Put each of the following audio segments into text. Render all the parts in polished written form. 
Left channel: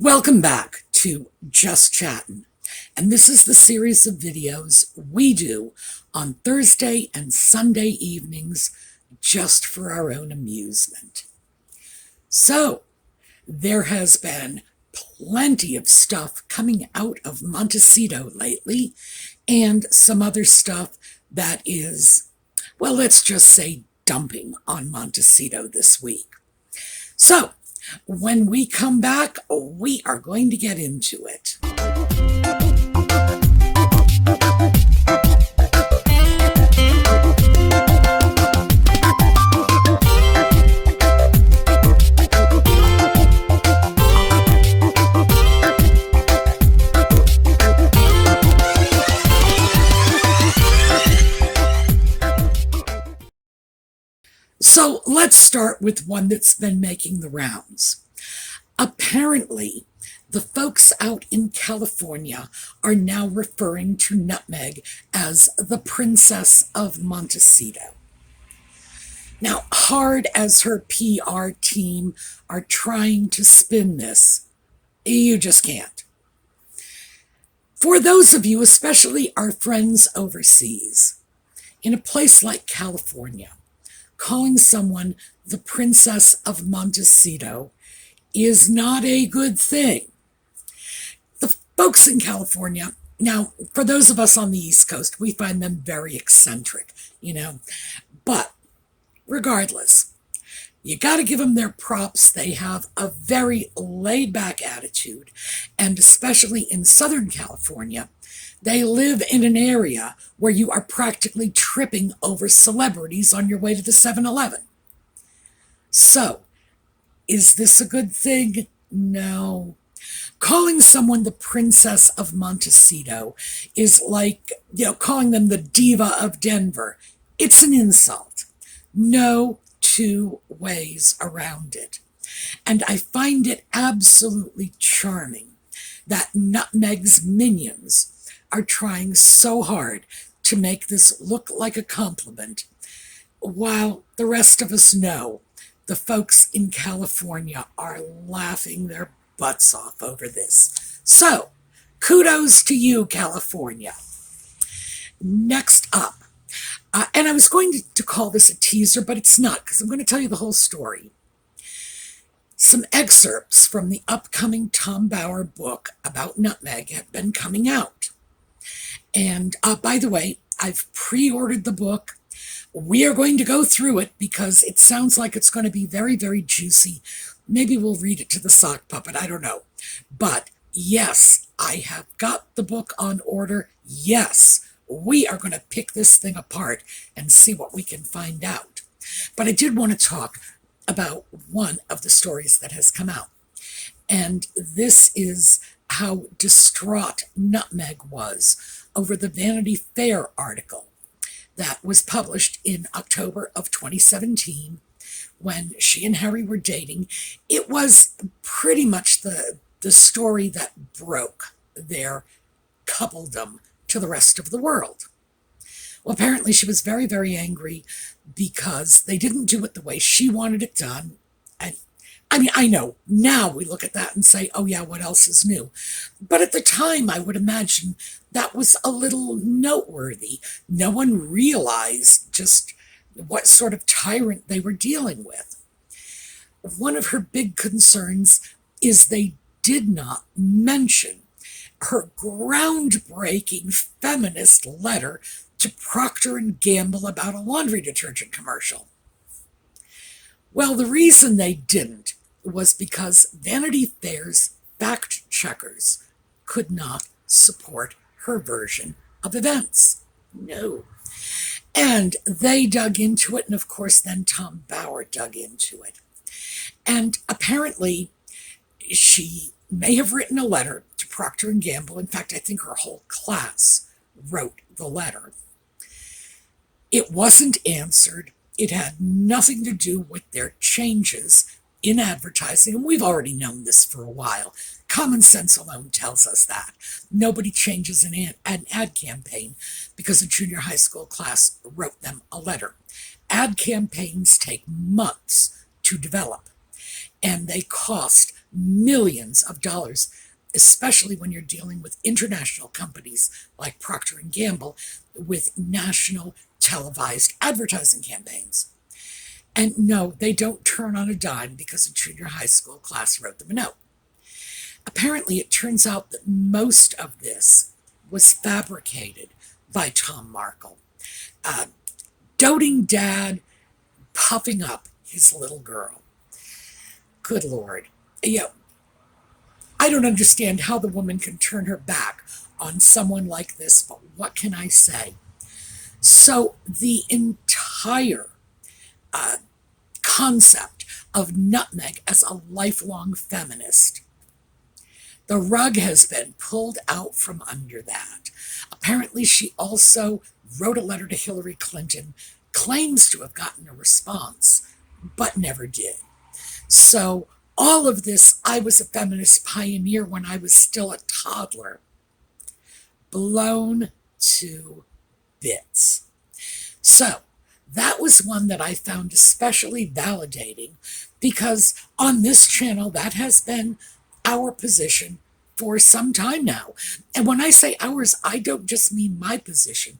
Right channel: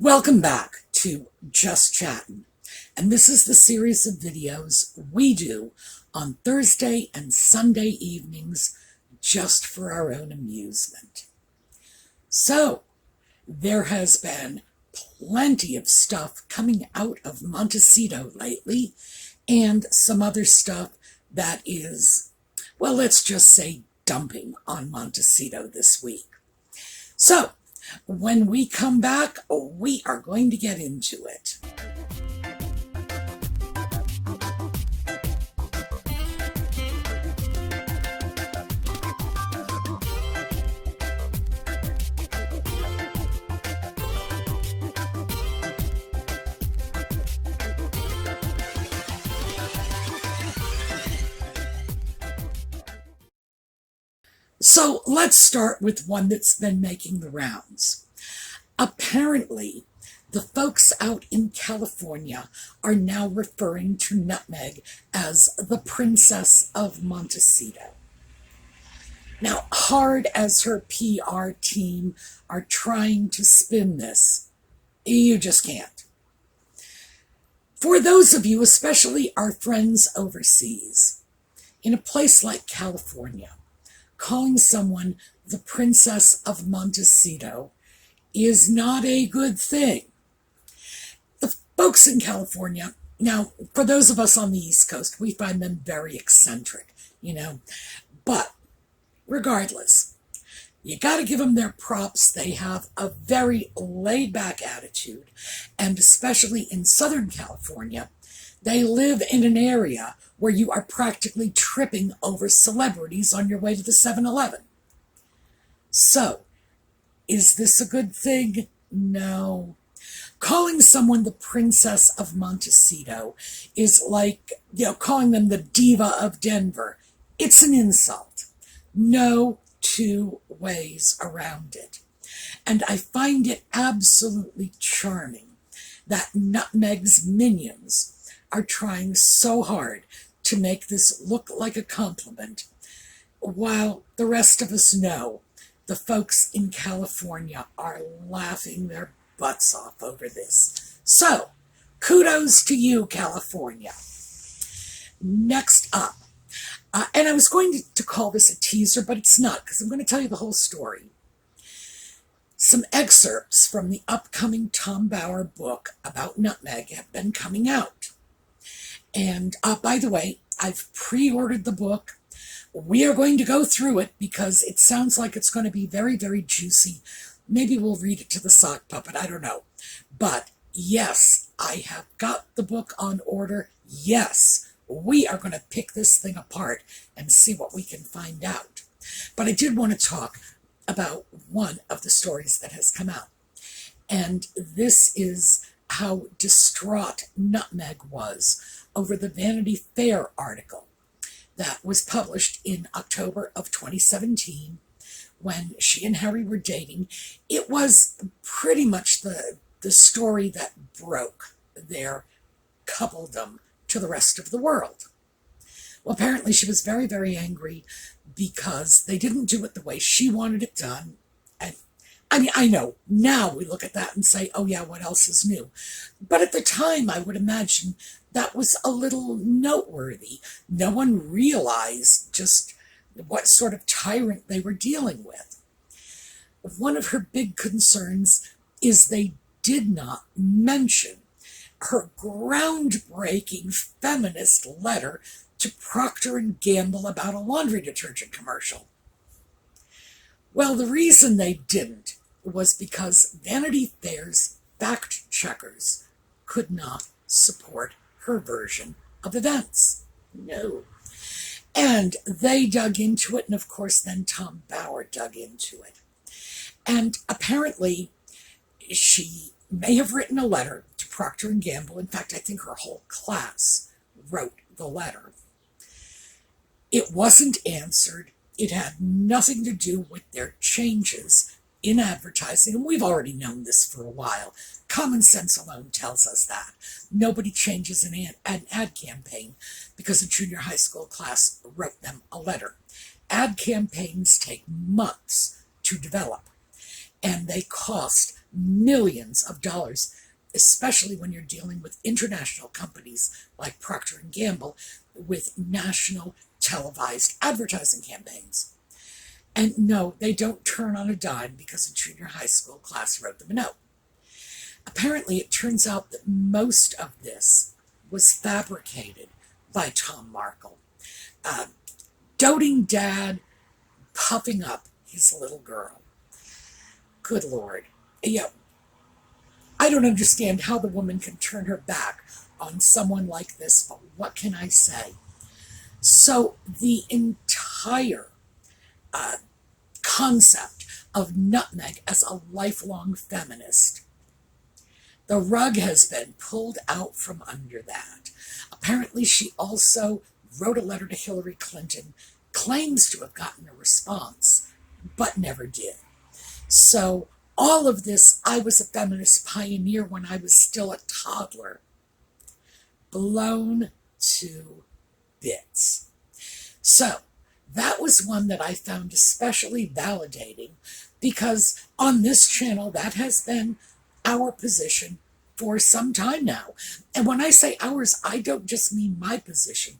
Welcome back to Just Chattin', and this is the series of videos we do on Thursday and Sunday evenings just for our own amusement. So, there has been plenty of stuff coming out of Montecito lately, and some other stuff that is, well, let's just say dumping on Montecito this week. So, when we come back, we are going to get into it. So let's start with one that's been making the rounds. Apparently, the folks out in California are now referring to Nutmeg as the Princess of Montecito. Now, hard as her PR team are trying to spin this, you just can't. For those of you, especially our friends overseas, in a place like California, calling someone the Princess of Montecito is not a good thing. The folks in California, now, for those of us on the East Coast, we find them very eccentric, but regardless, you got to give them their props. They have a very laid-back attitude, and especially in Southern California, they live in an area where you are practically tripping over celebrities on your way to the 7-Eleven. So, is this a good thing? No. Calling someone the Princess of Montecito is like, calling them the Diva of Denver. It's an insult. No two ways around it. And I find it absolutely charming that Nutmeg's minions are trying so hard to make this look like a compliment, while the rest of us know the folks in California are laughing their butts off over this. So, kudos to you, California. Next up, and I was going to call this a teaser, but it's not, because I'm going to tell you the whole story. Some excerpts from the upcoming Tom Bower book about Nutmeg have been coming out. And by the way, I've pre-ordered the book. We are going to go through it because it sounds like it's going to be very, very juicy. Maybe we'll read it to the sock puppet. I don't know. But yes, I have got the book on order. Yes, we are going to pick this thing apart and see what we can find out. But I did want to talk about one of the stories that has come out. And this is how distraught Nutmeg was over the Vanity Fair article that was published in October of 2017 when she and Harry were dating. It was pretty much the story that broke their coupledom to the rest of the world. Well, apparently she was very, very angry because they didn't do it the way she wanted it done. And I know, now we look at that and say, oh yeah, what else is new? But at the time, I would imagine that was a little noteworthy. No one realized just what sort of tyrant they were dealing with. One of her big concerns is they did not mention her groundbreaking feminist letter to Procter & Gamble about a laundry detergent commercial. Well, the reason they didn't was because Vanity Fair's fact checkers could not support her version of events. No. And they dug into it, and of course then Tom Bower dug into it. And apparently she may have written a letter to Procter & Gamble. In fact, I think her whole class wrote the letter. It wasn't answered. It had nothing to do with their changes in advertising, and we've already known this for a while. Common sense alone tells us that. Nobody changes an ad campaign because a junior high school class wrote them a letter. Ad campaigns take months to develop, and they cost millions of dollars, especially when you're dealing with international companies like Procter & Gamble with national televised advertising campaigns. And no, they don't turn on a dime because a junior high school class wrote them a note. Apparently, it turns out that most of this was fabricated by Tom Markle. Doting dad puffing up his little girl. Good Lord. Yeah, I don't understand how the woman can turn her back on someone like this, but what can I say? So the entire concept of Nutmeg as a lifelong feminist, the rug has been pulled out from under that. Apparently, she also wrote a letter to Hillary Clinton, claims to have gotten a response, but never did. So all of this, I was a feminist pioneer when I was still a toddler, blown to bits. So that was one that I found especially validating because on this channel, that has been our position for some time now. And when I say ours, I don't just mean my position.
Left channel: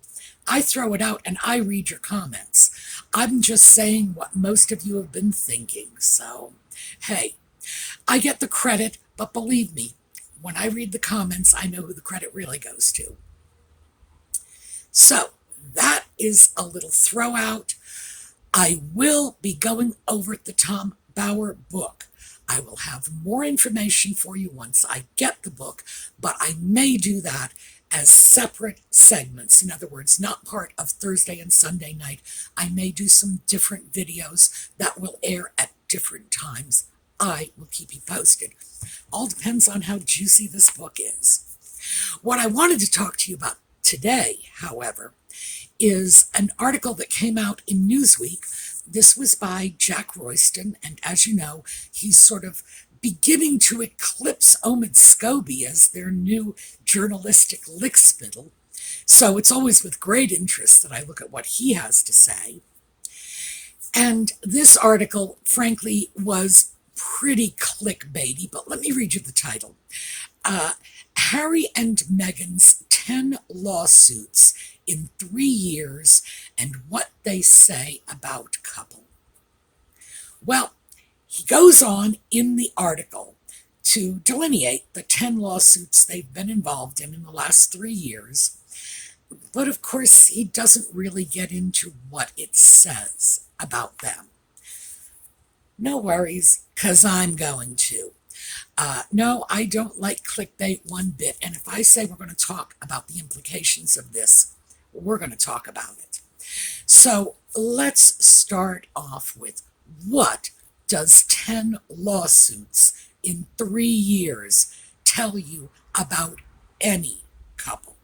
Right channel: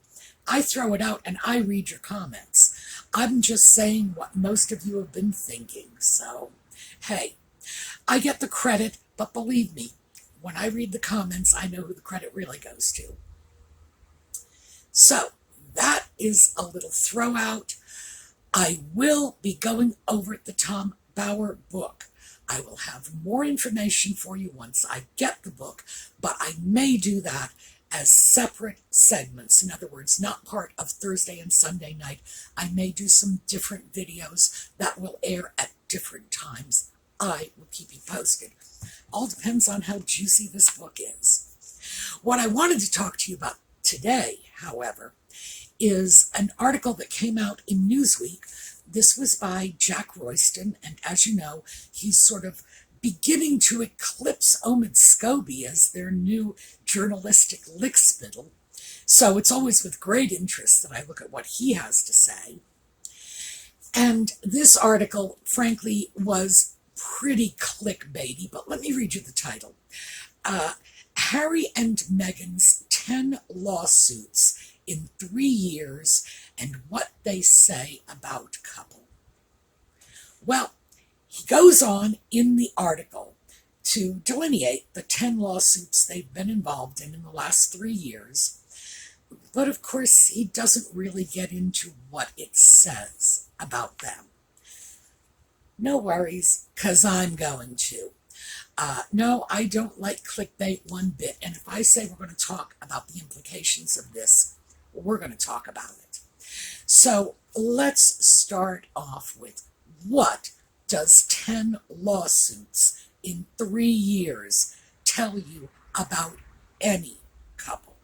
I throw it out and I read your comments. I'm just saying what most of you have been thinking. So, hey, I get the credit, but believe me, when I read the comments, I know who the credit really goes to. So, that is a little throw out. I will be going over the Tom Bauer book. I will have more information for you once I get the book, but I may do that as separate segments. In other words, not part of Thursday and Sunday night. I may do some different videos that will air at different times. I will keep you posted. All depends on how juicy this book is. What I wanted to talk to you about today, however, is an article that came out in Newsweek. This was by Jack Royston, and as you know, he's sort of beginning to eclipse Omid Scobie as their new journalistic lickspittle. So it's always with great interest that I look at what he has to say. And this article, frankly, was pretty clickbaity, but let me read you the title. Harry and Meghan's 10 lawsuits in 3 years and what they say about couple. Well, he goes on in the article to delineate the 10 lawsuits they've been involved in the last 3 years. But of course, he doesn't really get into what it says about them. No worries, because I'm going to. No, I don't like clickbait one bit. And if I say we're going to talk about the implications of this, we're going to talk about it. So let's start off with, what does 10 lawsuits in 3 years tell you about any couple?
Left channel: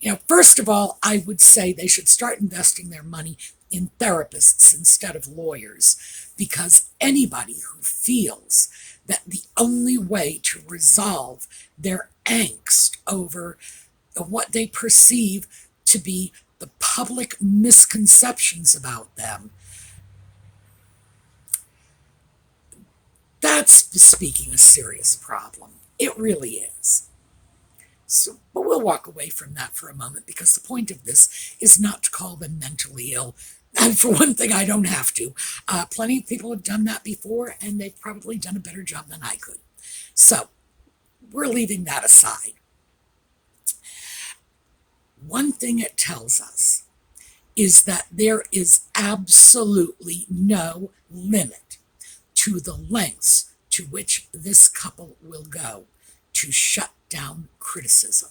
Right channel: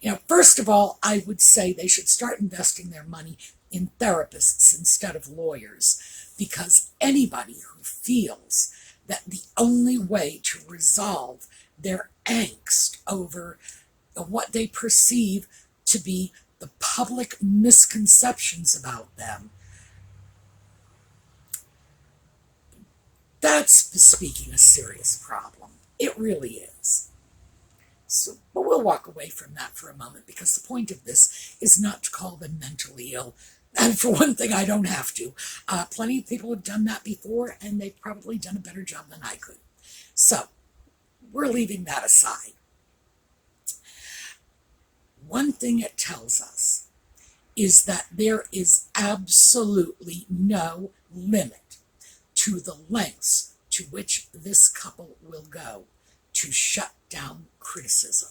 You know, first of all, I would say they should start investing their money in therapists instead of lawyers, because anybody who feels that the only way to resolve their angst over what they perceive to be the public misconceptions about them, that's bespeaking a serious problem. It really is. So, but we'll walk away from that for a moment, because the point of this is not to call them mentally ill. And for one thing, I don't have to. Plenty of people have done that before, and they've probably done a better job than I could. So we're leaving that aside. One thing it tells us is that there is absolutely no limit to the lengths to which this couple will go to shut down criticism.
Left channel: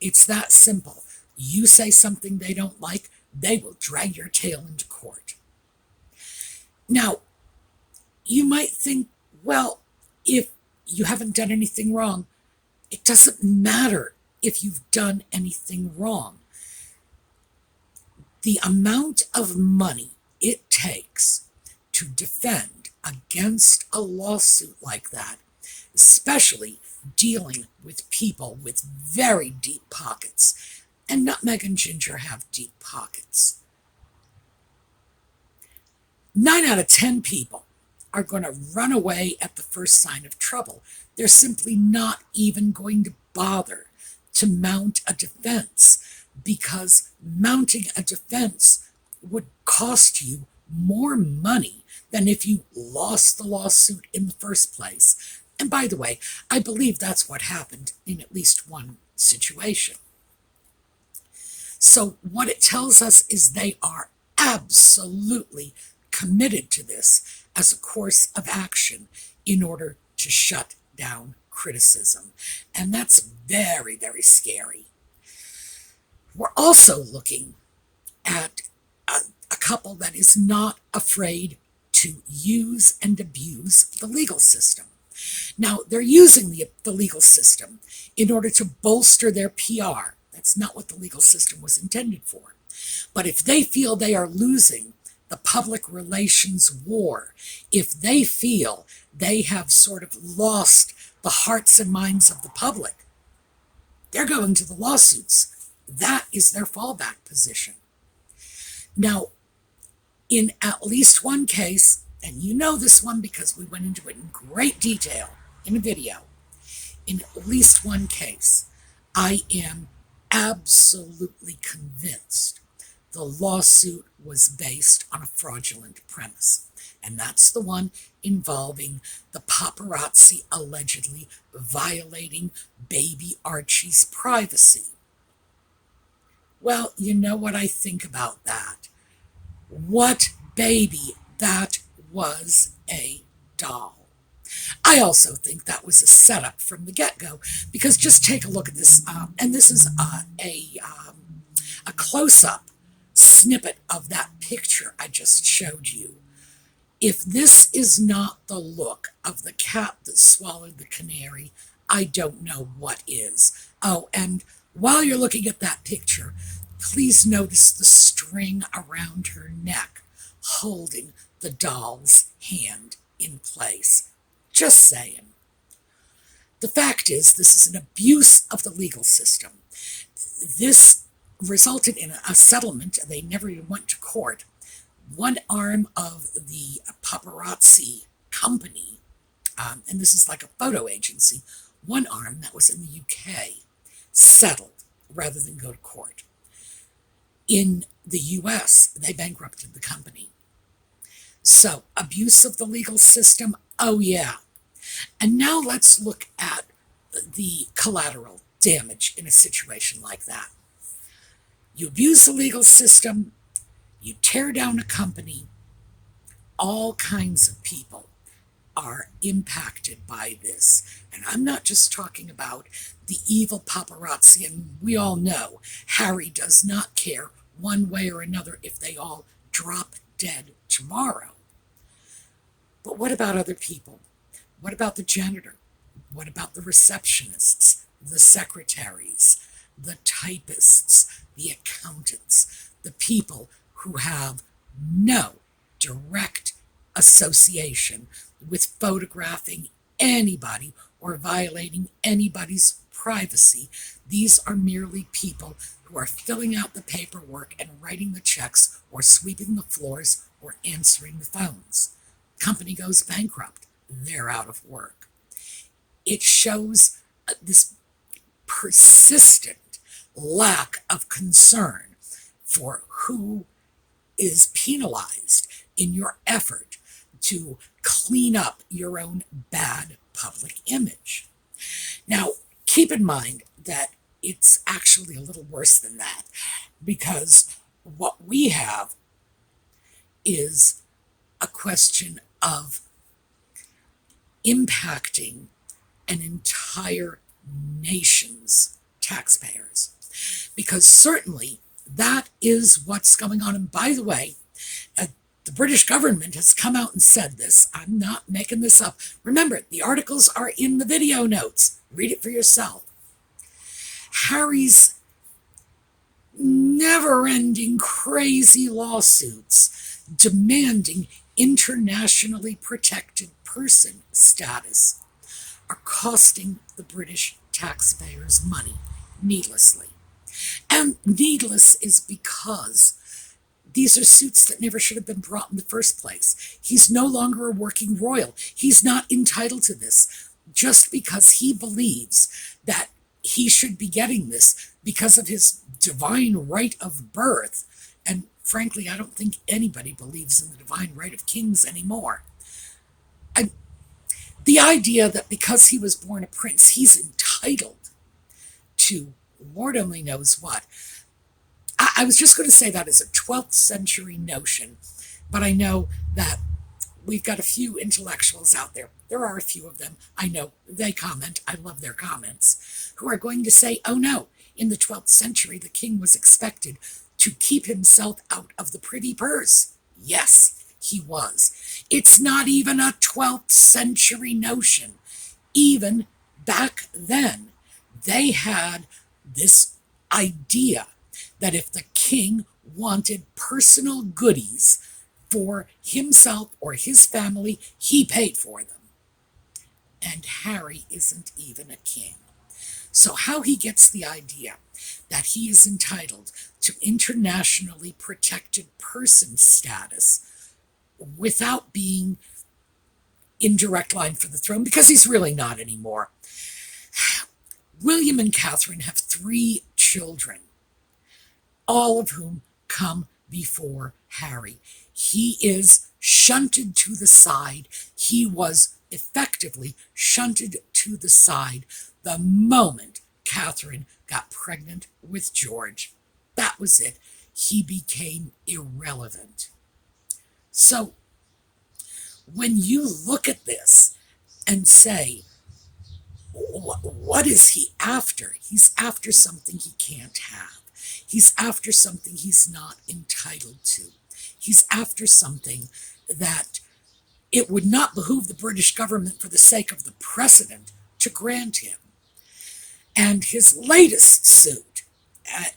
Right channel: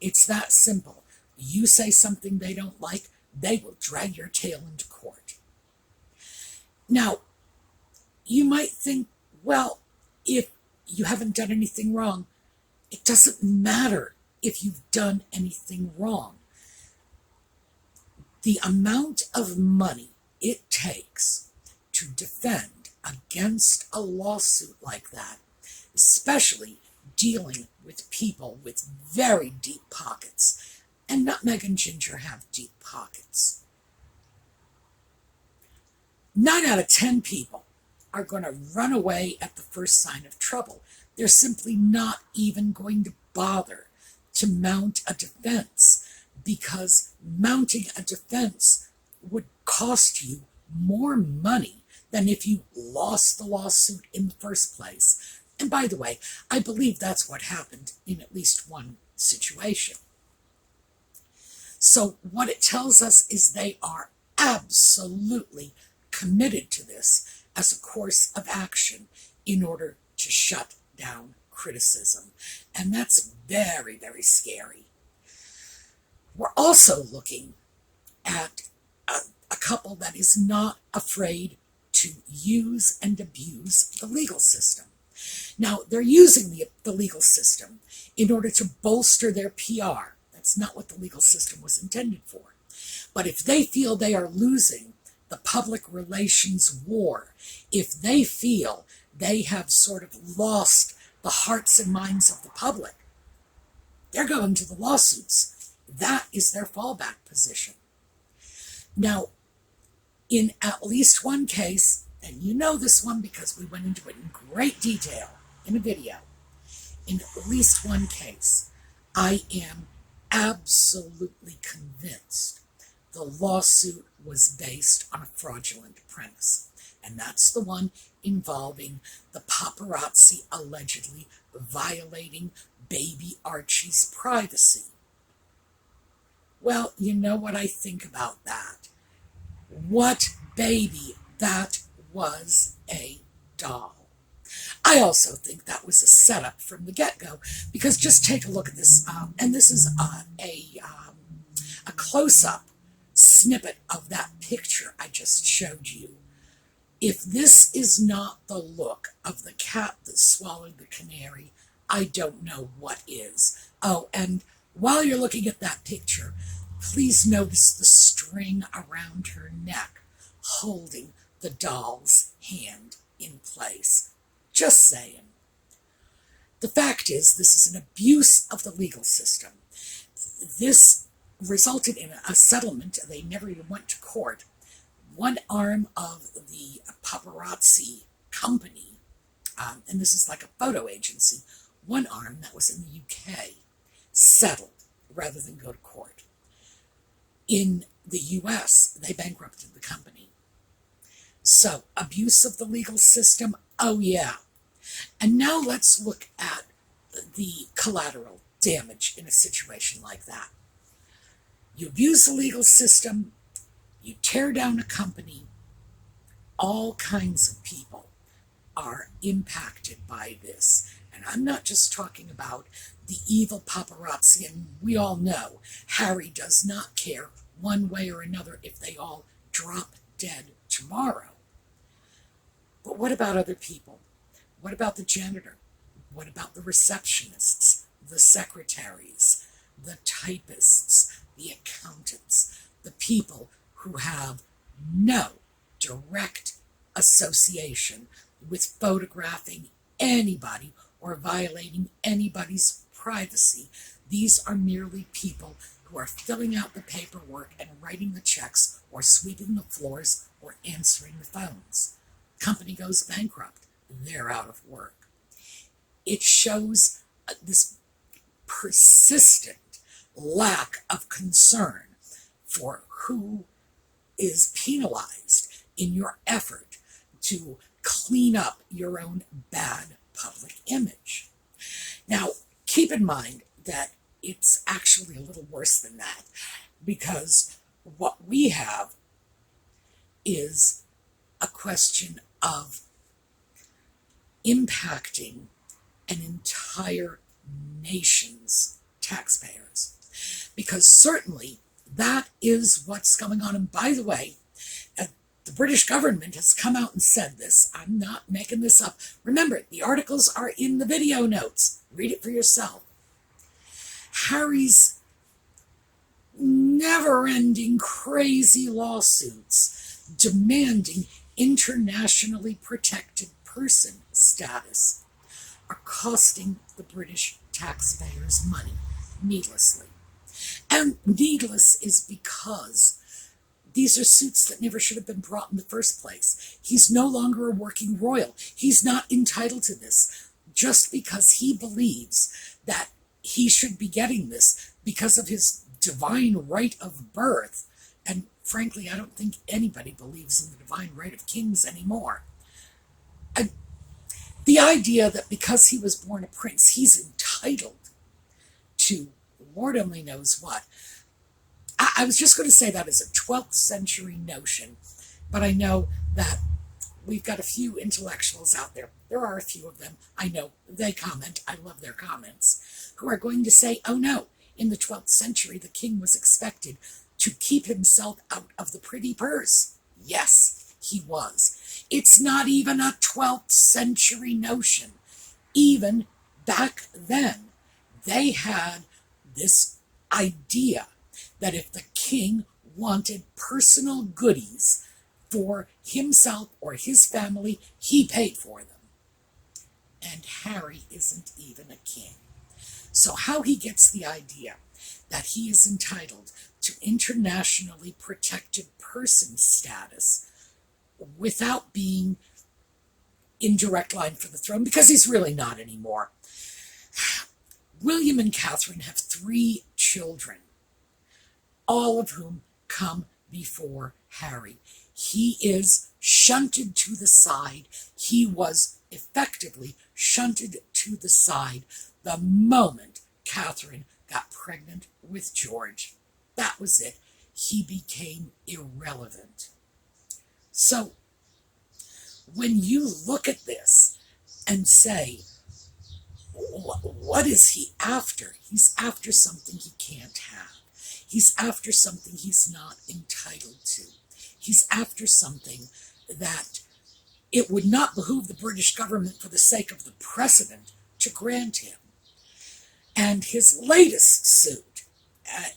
It's that simple. You say something they don't like, they will drag your tail into court. Now, you might think, well, if you haven't done anything wrong, it doesn't matter if you've done anything wrong. The amount of money it takes to defend against a lawsuit like that, especially dealing with people with very deep pockets, and Nutmeg and Ginger have deep pockets. 9 out of 10 people are going to run away at the first sign of trouble. They're simply not even going to bother to mount a defense, because mounting a defense would cost you more money than if you lost the lawsuit in the first place. And by the way, I believe that's what happened in at least one situation. So what it tells us is they are absolutely committed to this as a course of action in order to shut down criticism. And that's very, very scary. We're also looking at a couple that is not afraid to use and abuse the legal system. Now, they're using the legal system in order to bolster their PR. That's not what the legal system was intended for. But if they feel they are losing the public relations war, if they feel they have sort of lost the hearts and minds of the public, they're going to the lawsuits. That is their fallback position. Now, in at least one case, and you know this one because we went into it in great detail in a video, in at least one case, I am absolutely convinced the lawsuit was based on a fraudulent premise. And that's the one involving the paparazzi allegedly violating baby Archie's privacy. Well, you know what I think about that. What baby? That was a doll. I also think that was a setup from the get-go, because just take a look at this, and this is a close-up snippet of that picture I just showed you. If this is not the look of the cat that swallowed the canary, I don't know what is. Oh, and while you're looking at that picture, please notice the string around her neck holding the doll's hand in place. Just saying. The fact is, this is an abuse of the legal system. This resulted in a settlement. They never even went to court. One arm of the paparazzi company, and this is like a photo agency, one arm that was in the UK settled rather than go to court. In the US, they bankrupted the company. So, abuse of the legal system, oh yeah. And now let's look at the collateral damage in a situation like that. You abuse the legal system, you tear down a company, all kinds of people are impacted by this. And I'm not just talking about the evil paparazzi, and we all know Harry does not care one way or another if they all drop dead tomorrow. But what about other people? What about the janitor? What about the receptionists, the secretaries, the typists, the accountants, the people who have no direct association with photographing anybody or violating anybody's privacy? These are merely people who are filling out the paperwork and writing the checks or sweeping the floors or answering the phones. Company goes bankrupt. They're out of work. It shows this persistent lack of concern for who is penalized in your effort to clean up your own bad public image. Now, keep in mind that it's actually a little worse than that, because what we have is a question of impacting an entire nation's taxpayers. Because certainly that is what's going on. And by the way, the British government has come out and said this. I'm not making this up. Remember, the articles are in the video notes. Read it for yourself. Harry's never-ending crazy lawsuits demanding internationally protected person status are costing the British taxpayers money needlessly. And needless is because These are suits that never should have been brought in the first place. He's no longer a working royal. He's not entitled to this just because he believes that he should be getting this because of his divine right of birth. And frankly, I don't think anybody believes in the divine right of kings anymore. And the idea that because he was born a prince, he's entitled to Lord only knows what. I was just going to say that as a 12th century notion, but I know that we've got a few intellectuals out there. There are a few of them. I know they comment. I love their comments, who are going to say, oh no, in the 12th century, the king was expected to keep himself out of the privy purse. Yes, he was. It's not even a 12th century notion. Even back then, they had this idea that if the king wanted personal goodies for himself or his family, he paid for them. And Harry isn't even a king. So how he gets the idea that he is entitled to internationally protected person status without being in direct line for the throne, because he's really not anymore. William and Catherine have 3 children, all of whom come before Harry. He is shunted to the side. He was effectively shunted to the side the moment Catherine got pregnant with George. That was it. He became irrelevant. So when you look at this and say, what is he after? He's after something he can't have. He's after something he's not entitled to. He's after something that it would not behoove the British government for the sake of the precedent to grant him. And his latest suit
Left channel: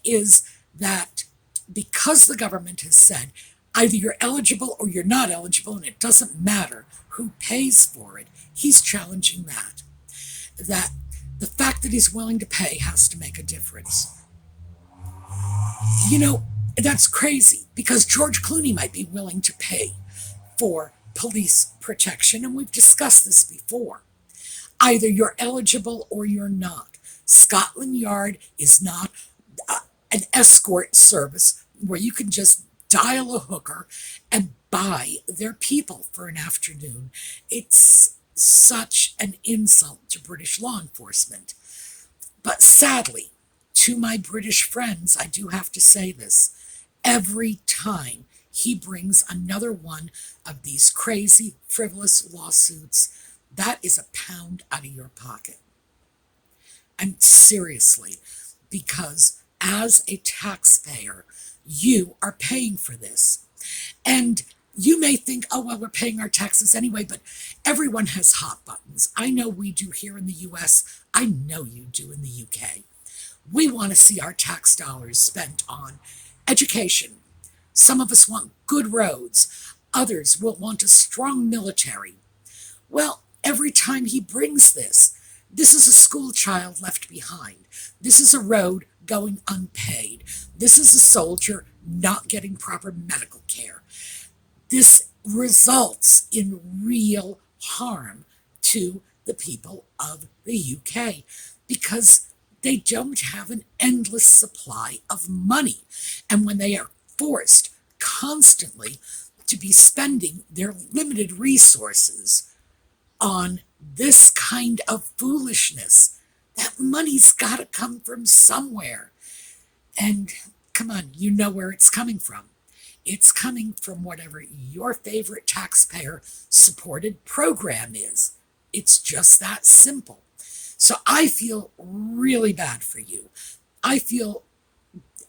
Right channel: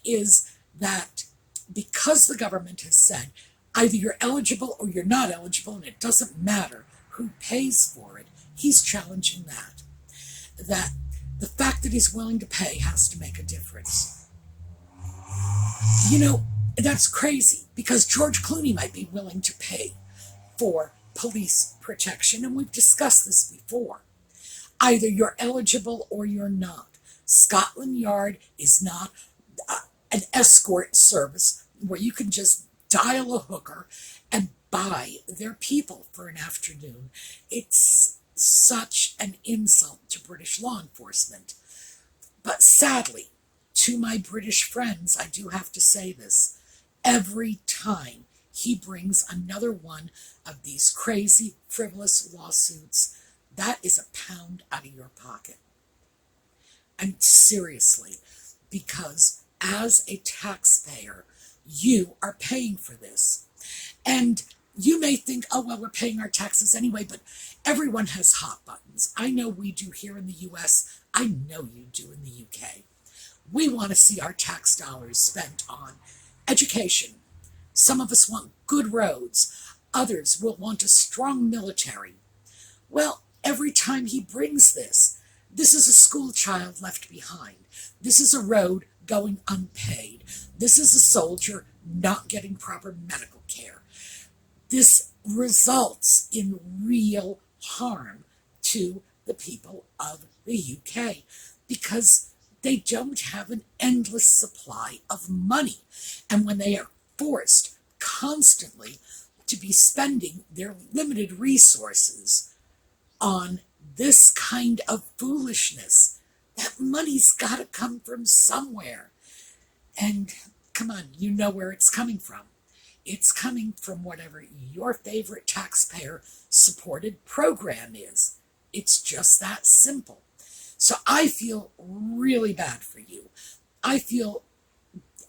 is that because the government has said either you're eligible or you're not eligible, and it doesn't matter who pays for it, he's challenging that. That the fact that he's willing to pay has to make a difference. You know, that's crazy, because George Clooney might be willing to pay for police protection, and we've discussed this before. Either you're eligible or you're not. Scotland Yard is not an escort service where you can just dial a hooker and buy their people for an afternoon. It's such an insult to British law enforcement. But sadly, to my British friends, I do have to say this. Every time he brings another one of these crazy, frivolous lawsuits, that is a pound out of your pocket. And seriously, because as a taxpayer, you are paying for this. And you may think, oh, well, we're paying our taxes anyway, but everyone has hot buttons. I know we do here in the US. I know you do in the UK. We want to see our tax dollars spent on education. Some of us want good roads. Others will want a strong military. Well, every time he brings this is a school child left behind. This is a road going unpaid. This is a soldier not getting proper medical care. This results in real harm to the people of the UK because they don't have an endless supply of money. And when they are forced constantly to be spending their limited resources on this kind of foolishness, that money's got to come from somewhere. And come on, you know where it's coming from. It's coming from whatever your favorite taxpayer-supported program is. It's just that simple. So I feel really bad for you. I feel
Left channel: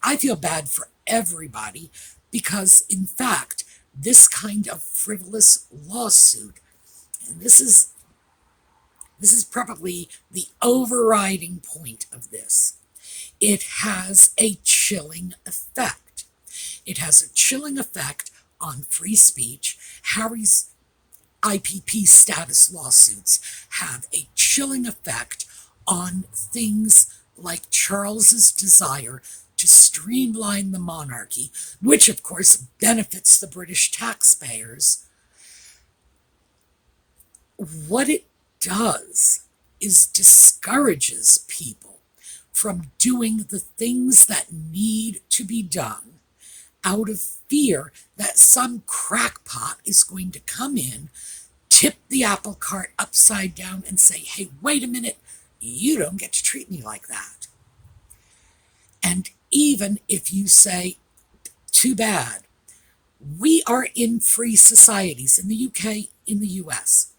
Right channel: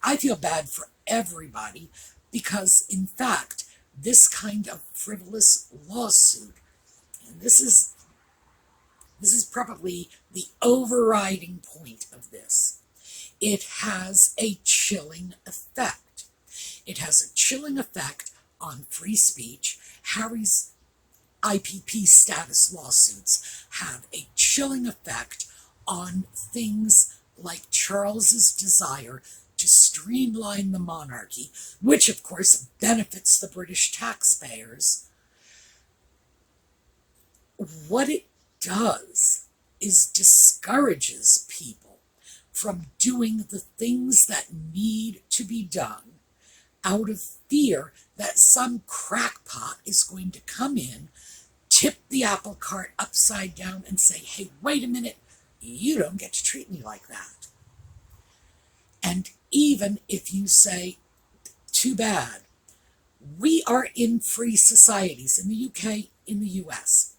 bad for everybody because, in fact, this kind of frivolous lawsuit, and this is probably the overriding point of this. It has a chilling effect. It has a chilling effect on free speech. Harry's IPP status lawsuits have a chilling effect on things like Charles's desire to to streamline the monarchy, which of course benefits the British taxpayers, what it does is discourages people from doing the things that need to be done out of fear that some crackpot is going to come in, tip the apple cart upside down, and say, hey, wait a minute, you don't get to treat me like that. And even if you say, too bad, we are in free societies in the UK, in the US.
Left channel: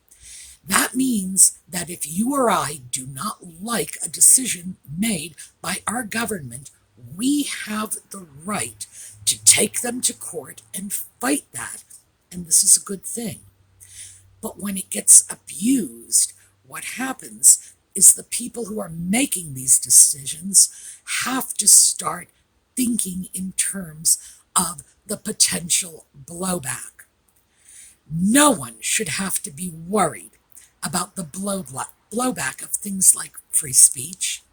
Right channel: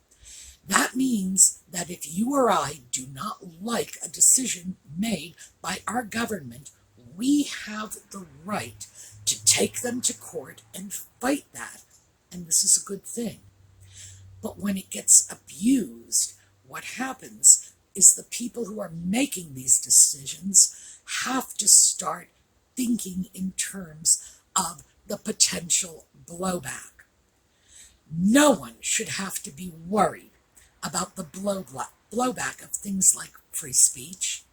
That means that if you or I do not like a decision made by our government, we have the right to take them to court and fight that. And this is a good thing. But when it gets abused, what happens is the people who are making these decisions have to start thinking in terms of the potential blowback. No one should have to be worried about the blowback of things like free speech,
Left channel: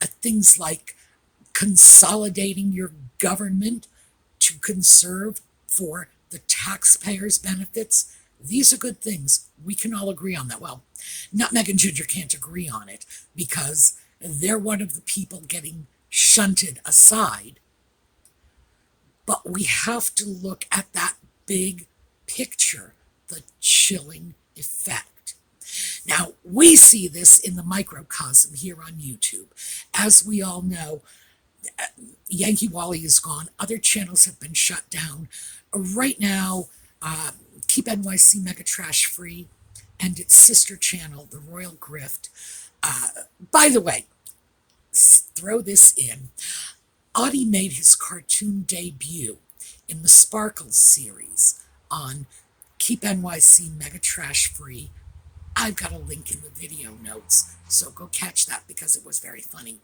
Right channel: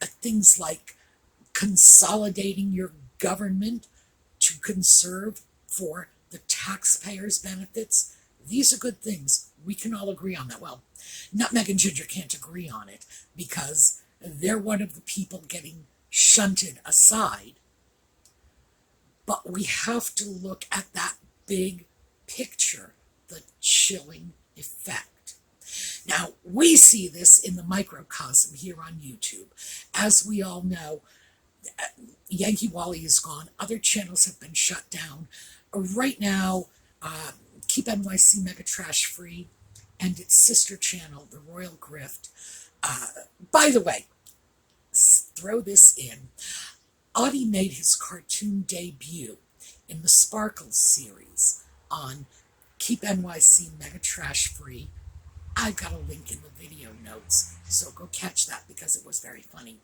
things like consolidating your government to conserve for the taxpayers' benefits. These are good things. We can all agree on that. Well, Nutmeg and Ginger can't agree on it because they're one of the people getting shunted aside. But we have to look at that big picture, the chilling effect. Now, we see this in the microcosm here on YouTube. As we all know, Yankee Wally is gone. Other channels have been shut down. Right now, Keep NYC Mega Trash Free and its sister channel, The Royal Grift. By the way, throw this in. Audie made his cartoon debut in the Sparkles series on Keep NYC Mega Trash Free. I've got a link in the video notes, so go catch that because it was very funny.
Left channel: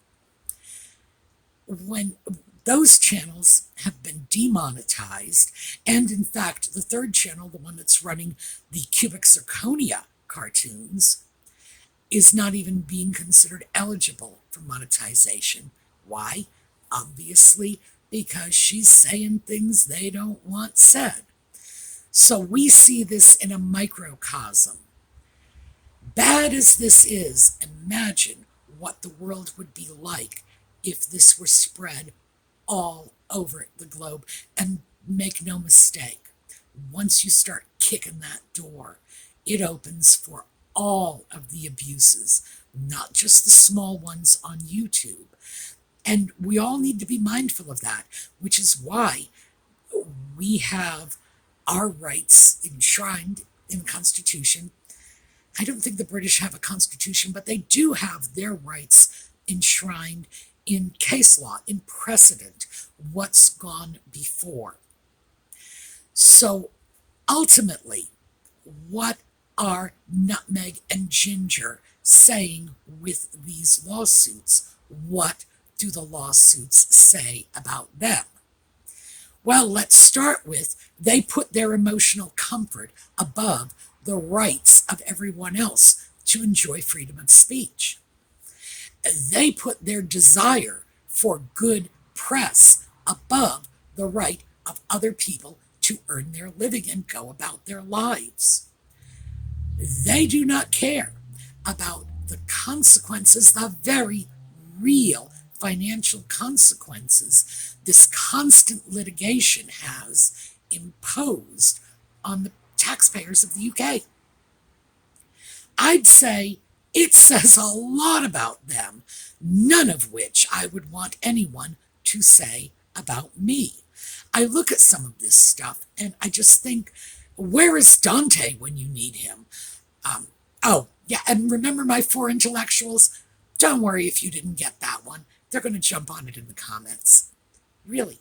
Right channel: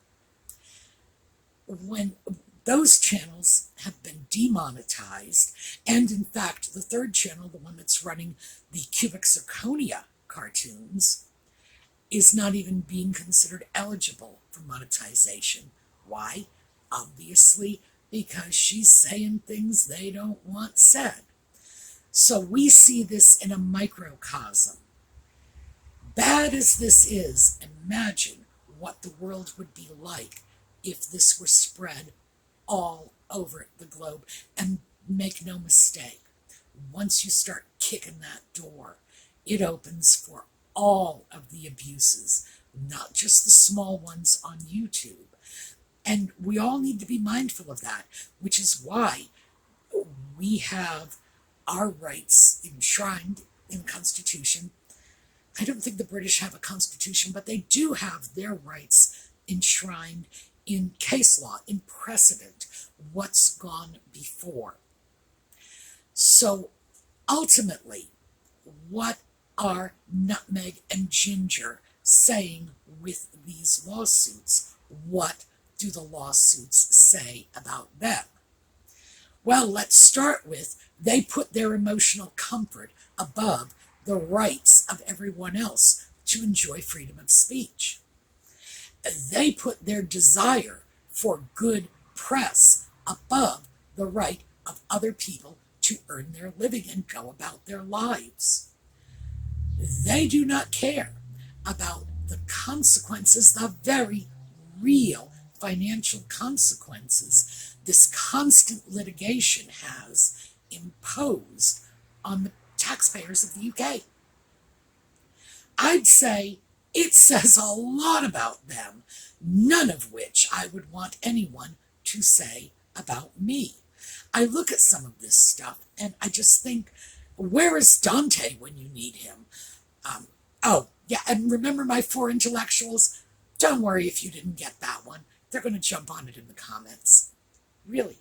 When those channels have been demonetized, and in fact, the third channel, the one that's running the Cubic Zirconia cartoons, is not even being considered eligible for monetization. Why? Obviously, because she's saying things they don't want said. So we see this in a microcosm. Bad as this is, imagine what the world would be like if this were spread all over the globe. And make no mistake, once you start kicking that door, it opens for all of the abuses, not just the small ones on YouTube. And we all need to be mindful of that, which is why we have our rights enshrined in the Constitution. I don't think the British have a constitution, but they do have their rights enshrined in case law, in precedent, what's gone before. So ultimately, what are Nutmeg and Ginger saying with these lawsuits? What do the lawsuits say about them? Well, let's start with they put their emotional comfort above the rights of everyone else to enjoy freedom of speech. They put their desire for good press above the right of other people to earn their living and go about their lives. They do not care about the consequences, the very real financial consequences this constant litigation has imposed on the taxpayers of the UK. I'd say it says a lot about them, none of which I would want anyone to say about me. I look at some of this stuff and I just think, where is Dante when you need him? Oh, yeah, and remember my 4 intellectuals? Don't worry if you didn't get that one. They're going to jump on it in the comments. Really,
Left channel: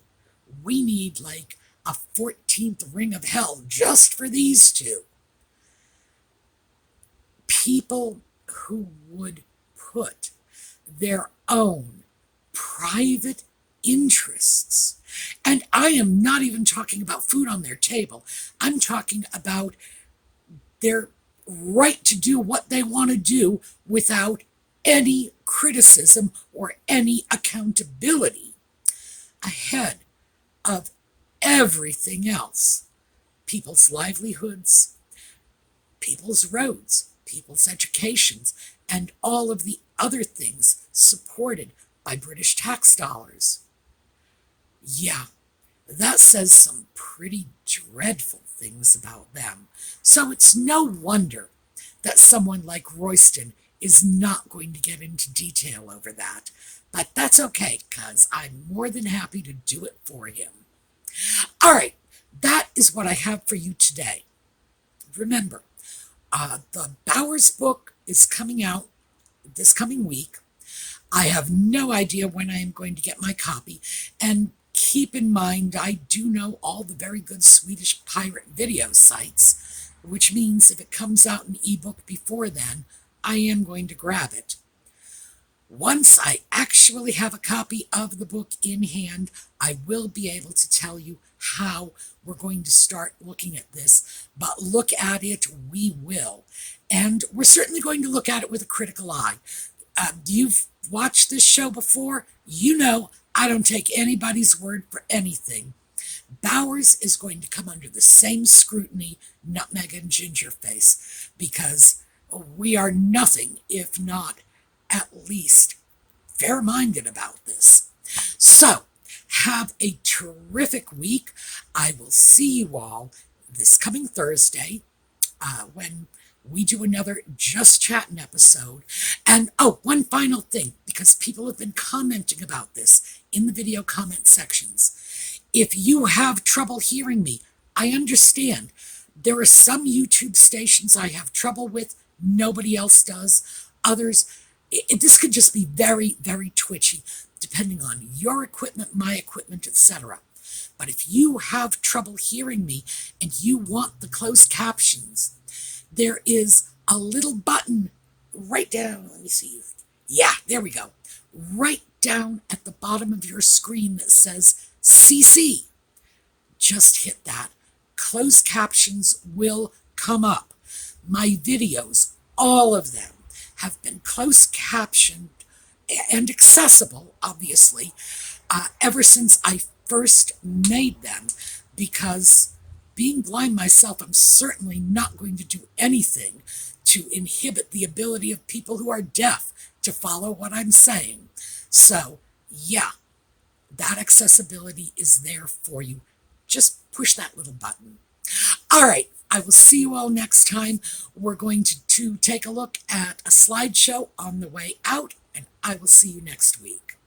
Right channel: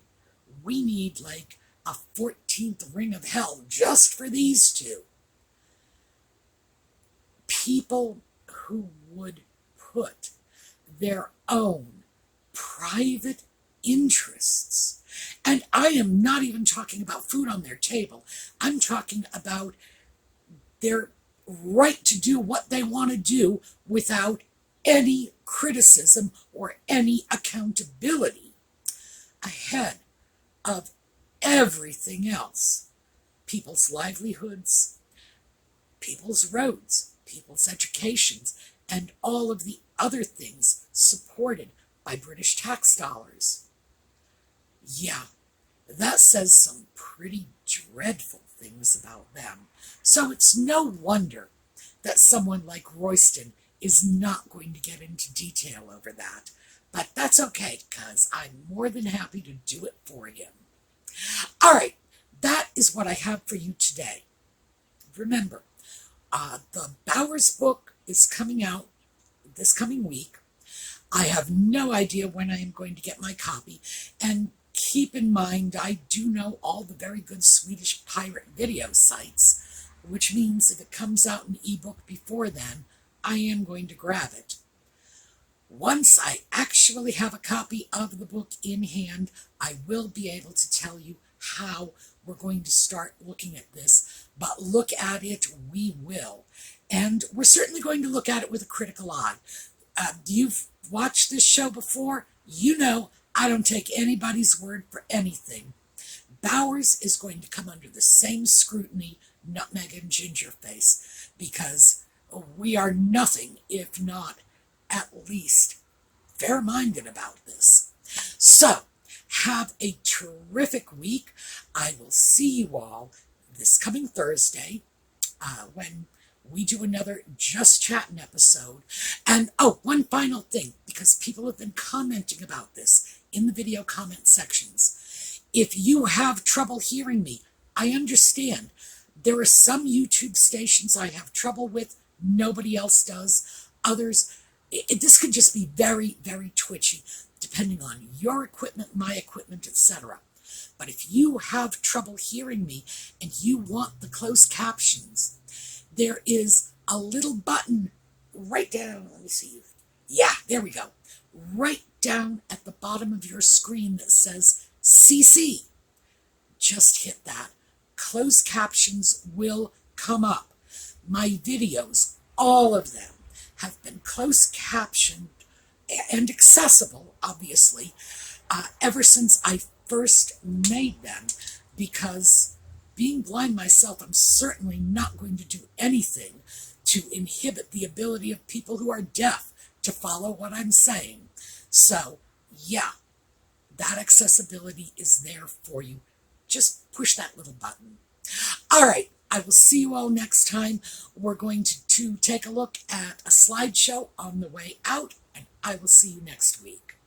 we need like a 14th ring of hell just for these two. People who would put their own private interests, and I am not even talking about food on their table, I'm talking about their right to do what they want to do without any criticism or any accountability. ahead of everything else. People's livelihoods, people's roads, people's educations, and all of the other things supported by British tax dollars. Yeah, that says some pretty dreadful things about them. So it's no wonder that someone like Royston is not going to get into detail over that. But that's okay, because I'm more than happy to do it for him. All right, that is what I have for you today. Remember, the Bowers book is coming out this coming week. I have no idea when I am going to get my copy. And keep in mind, I do know all the very good Swedish pirate video sites, which means if it comes out in ebook before then, I am going to grab it. Once I actually have a copy of the book in hand, I will be able to tell you how we're going to start looking at this. But look at it, we will. And we're certainly going to look at it with a critical eye. You've watched this show before. You know I don't take anybody's word for anything. Bowers is going to come under the same scrutiny Nutmeg and Gingerface, because we are nothing if not at least fair-minded about this. So, have a terrific week. I will see you all this coming Thursday when we do another Just Chattin' episode. And oh, one final thing, because people have been commenting about this in the video comment sections. If you have trouble hearing me, I understand. There are some YouTube stations I have trouble with, nobody else does. Others, this could just be very, very twitchy, depending on your equipment, my equipment, etc. But if you have trouble hearing me and you want the closed captions, there is a little button right down, let me see. Yeah, there we go. Right down at the bottom of your screen that says CC. Just hit that. Closed captions will come up. My videos, all of them, have been closed captioned and accessible, obviously, ever since I first made them, because being blind myself, I'm certainly not going to do anything to inhibit the ability of people who are deaf to follow what I'm saying. So, yeah, that accessibility is there for you. Just push that little button. All right, I will see you all next time. We're going to take a look at a slideshow on the way out, and I will see you next week.